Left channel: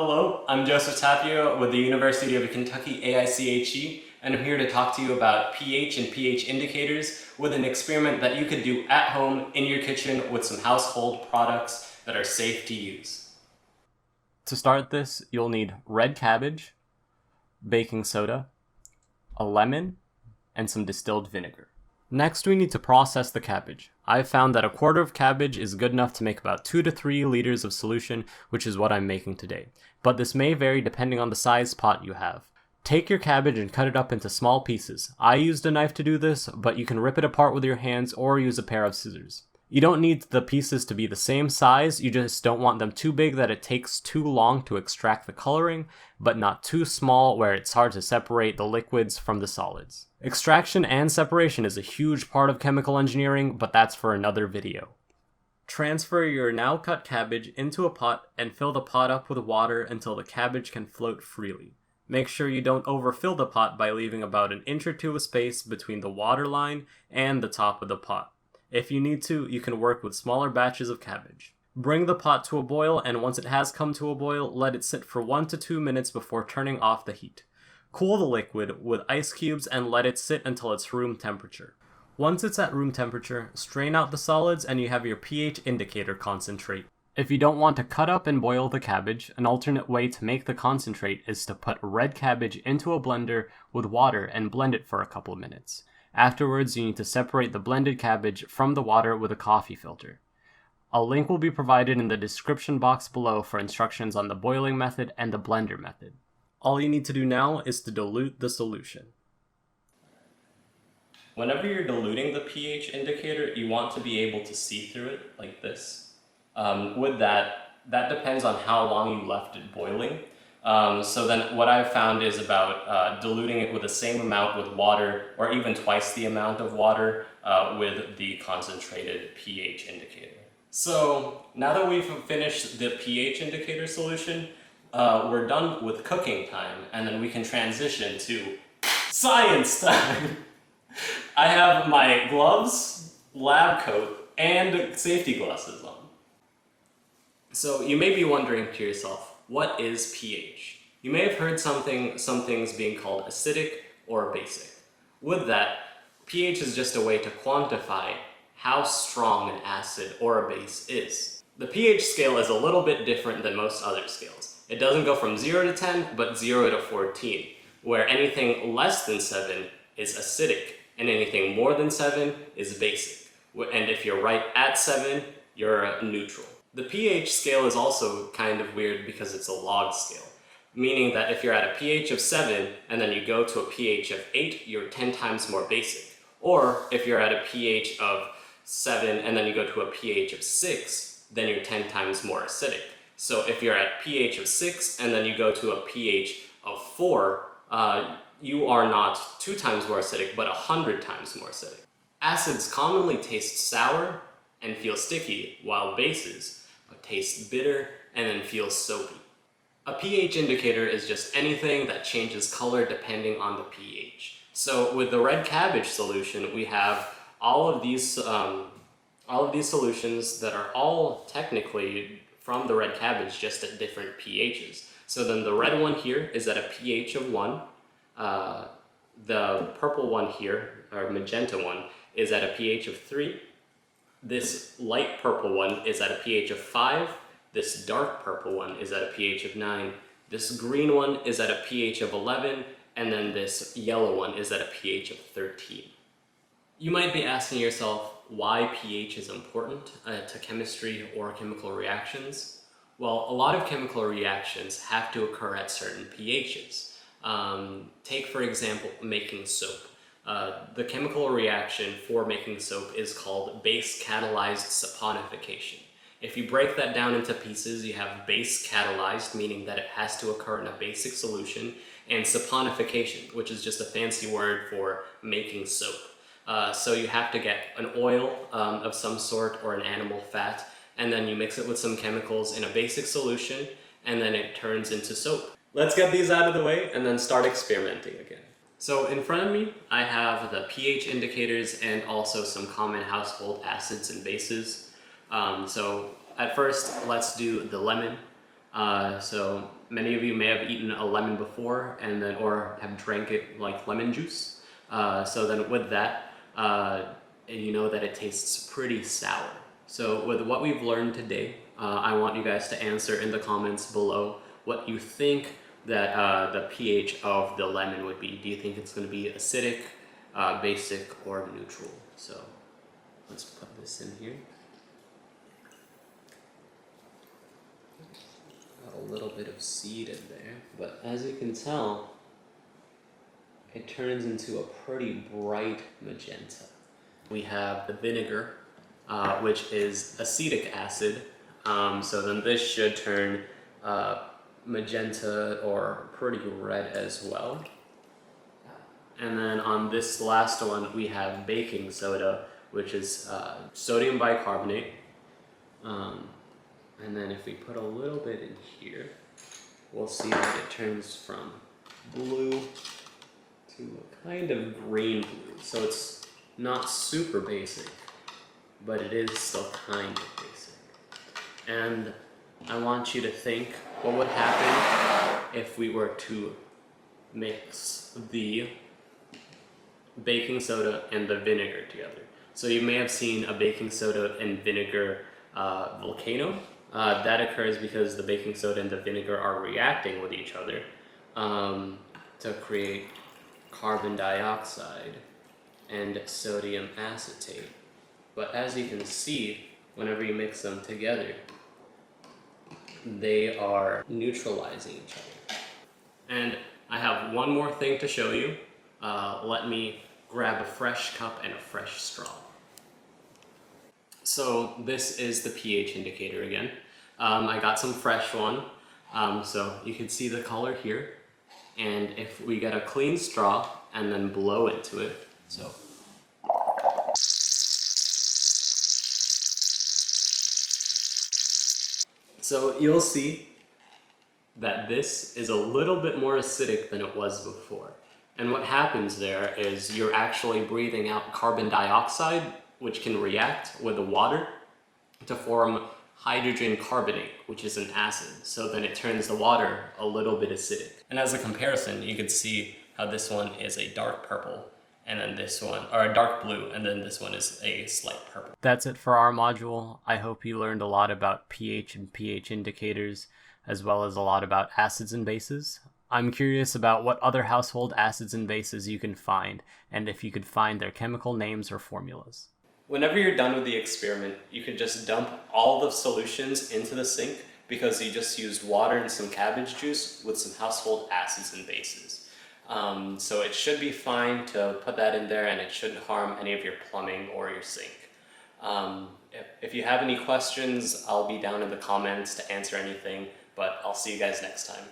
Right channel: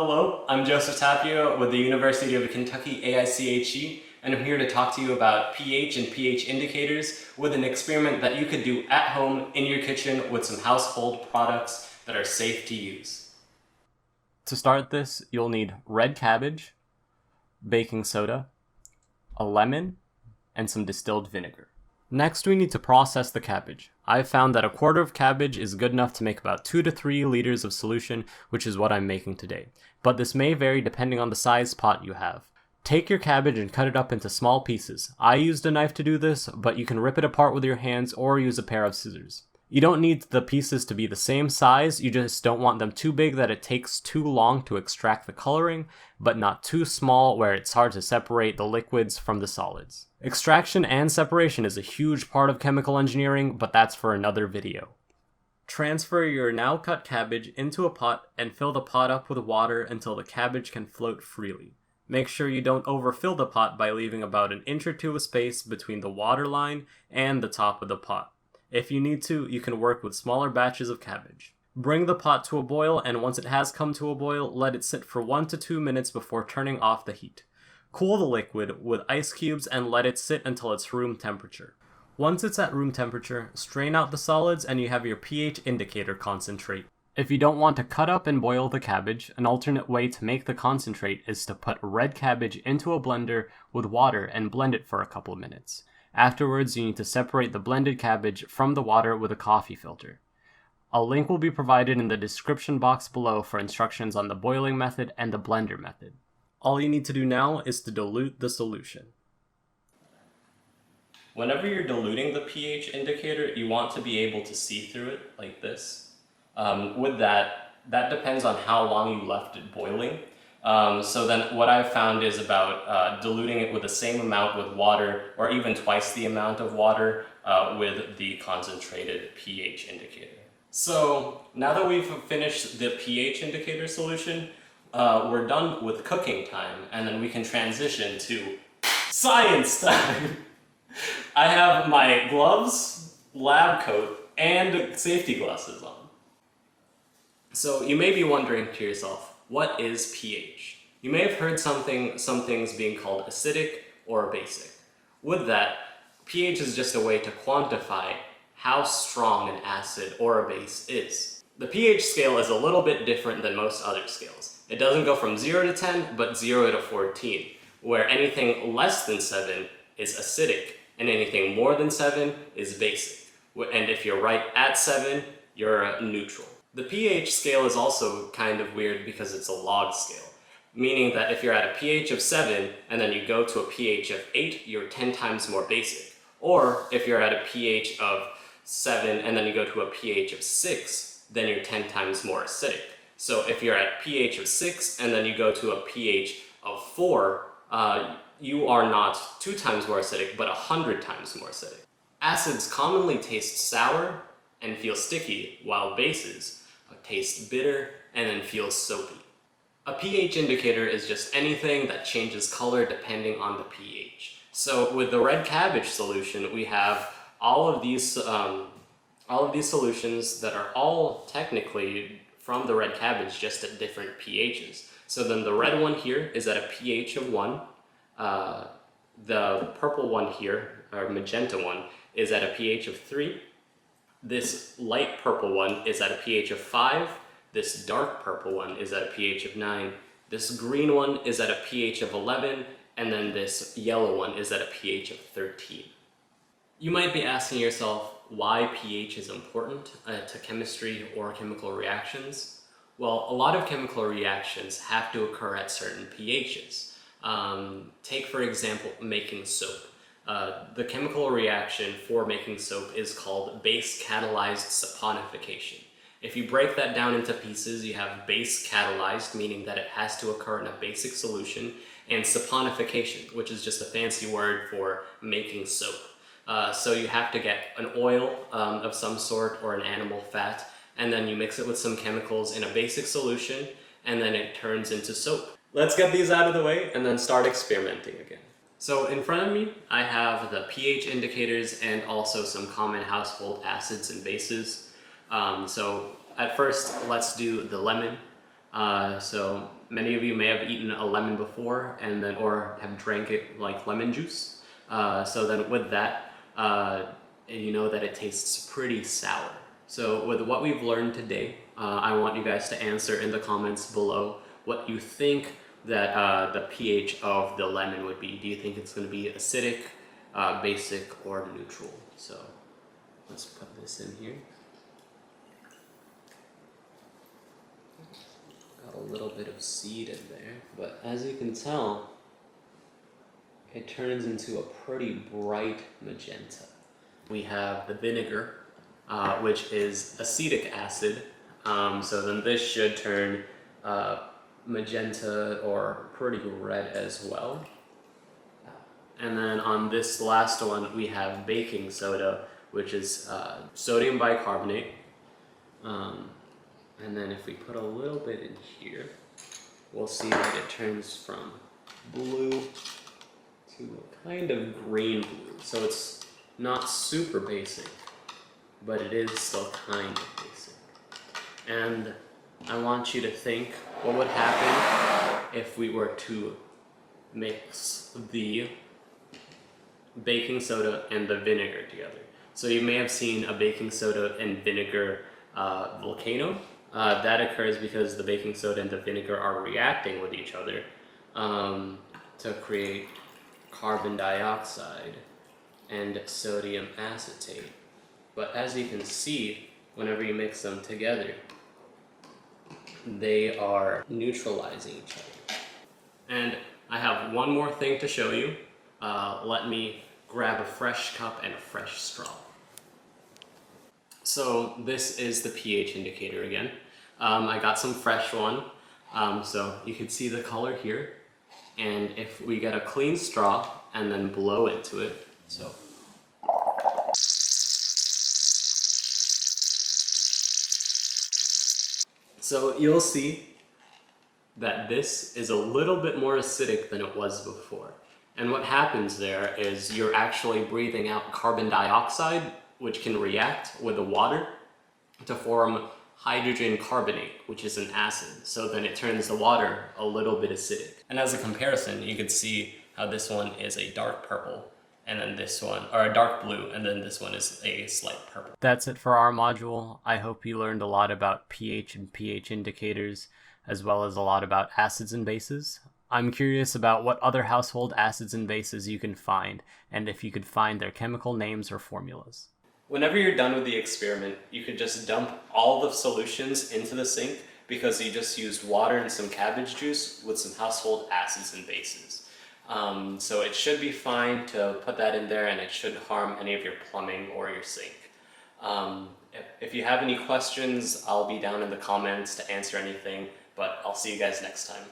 Hello, I'm Joseph Tapio with the University of Kentucky AIChE, and I'm here to talk to you about pH and pH indicators with an experiment that you could do at home in your kitchen with some household products that are safe to use. To start this, you'll need red cabbage, baking soda, a lemon, and some distilled vinegar. Next, we need to process the cabbage. I've found that a quarter of cabbage is good enough to make about 2 to 3 liters of solution, which is what I'm making today. But this may vary depending on the size pot you have. Take your cabbage and cut it up into small pieces. I used a knife to do this, but you can rip it apart with your hands or use a pair of scissors. You don't need the pieces to be the same size, you just don't want them too big that it takes too long to extract the coloring, but not too small where it's hard to separate the liquids from the solids. Extraction and separation is a huge part of chemical engineering, but that's for another video. Transfer your now cut cabbage into a pot and fill the pot up with water until the cabbage can float freely. Make sure you don't overfill the pot by leaving about an inch or two of space between the water line and the top of the pot. If you need to, you can work with smaller batches of cabbage. Bring the pot to a boil, and once it has come to a boil, let it sit for 1 to 2 minutes before turning off the heat. Cool the liquid with ice cubes and let it sit until it's room temperature. Once it's at room temperature, strain out the solids and you have your pH indicator concentrate. If you don't want to cut up and boil the cabbage, an alternate way to make the concentrate is to put red cabbage into a blender with water and blend it for a couple of minutes. Afterwards, you need to separate the blended cabbage from the water with a coffee filter. A link will be provided in the description box below for instructions on the boiling method and the blender method. All you need to do now is to dilute the solution. Whenever you're diluting the pH indicator, you want to be able to see through it like this. With that depends on how long you left it boiling. So then what I've found is about diluting it with the same amount with water, or even twice the amount of water with the concentrated pH indicator. So now that we've finished the pH indicator solution, we're done with cooking time, and then we can transition to science time. I have my gloves, lab coat, and safety glasses on. So you may be wondering to yourself, what is pH? You may have heard some things being called acidic or basic. With that, pH is just a way to quantify how strong an acid or a base is. The pH scale is a little bit different than most other scales. It doesn't go from 0 to 10, but 0 to 14, where anything less than 7 is acidic, and anything more than 7 is basic. And if you're right at 7, you're neutral. The pH scale is also kind of weird because it's a log scale, meaning that if you're at a pH of 7 and then you go to a pH of 8, you're 10 times more basic. Or if you're at a pH of 7 and then you go to a pH of 6, then you're 10 times more acidic. So if you're at a pH of 6 and then you go to a pH of 4, you are not 2 times more acidic, but 100 times more acidic. Acids commonly taste sour and feel sticky, while bases taste bitter and then feel soapy. A pH indicator is just anything that changes color depending on the pH. So with the red cabbage solution, we have all of these solutions that are all technically from the red cabbage, just at different pHs. So then the red one here is at a pH of 1. The purple one here, or magenta one, is at a pH of 3. This light purple one is at a pH of 5. This dark purple one is at a pH of 9. This green one is at a pH of 11. And then this yellow one is at a pH of 13. You might be asking yourself why pH is important to chemistry or chemical reactions. Well, a lot of chemical reactions have to occur at certain pHs. Take, for example, making soap. The chemical reaction for making soap is called base-catalyzed saponification. If you break that down into pieces, you have base-catalyzed, meaning that it has to occur in a basic solution, and saponification, which is just a fancy word for making soap. So you have to get an oil of some sort or an animal fat, and then you mix it with some chemicals in a basic solution, and then it turns into soap. Let's get these out of the way and then start experimenting again. So in front of me, I have the pH indicators and also some common household acids and bases. So at first, let's do the lemon. So many of you may have eaten a lemon before or have drank it like lemon juice. So then with that, you know that it tastes pretty sour. So with what we've learned today, I want you guys to answer in the comments below what you think that the pH of the lemon would be. Do you think it's going to be acidic, basic, or neutral? So let's put this in here. Got a little bit of seed in there, but as you can tell, it turns into a pretty bright magenta. We have the vinegar, which is acetic acid. So then this should turn magenta or pretty red as well. And then on this last one, we have baking soda, which is sodium bicarbonate. And then if we put a little bit in here, we'll see that it turns from blue to kind of green blue. So it's not super basic, but it is still kind of basic. And I want you to think what would happen if we were to mix the baking soda and the vinegar together. So you may have seen a baking soda and vinegar volcano. That occurs because the baking soda and the vinegar are reacting with each other to create carbon dioxide and sodium acetate. But as you can see, whenever you mix them together, they are neutralizing each other. And I have one more thing to show you. Let me grab a fresh cup and a fresh straw. So this is the pH indicator again. I got some fresh one, so you can see the color here. And if we get a clean straw and then blow into it, so you'll see that this is a little bit more acidic than it was before. And what happens there is you're actually breathing out carbon dioxide, which can react with the water to form hydrogen carbonate, which is an acid. So then it turns the water a little bit acidic. And as a comparison, you can see how this one is a dark purple, and then this one, or a dark blue, and then this one is a slight purple. That's it for our module. I hope you learned a lot about pH and pH indicators, as well as a lot about acids and bases. I'm curious about what other household acids and bases you can find, and if you could find their chemical names or formulas. Whenever you're done with the experiment, you can just dump all the solutions into the sink because you just used water and some cabbage juice with some household acids and bases. So it should be fine to put that in there, and it shouldn't harm any of your plumbing or your sink. If you have any questions, I'll be down in the comments to answer anything, but I'll see you guys next time.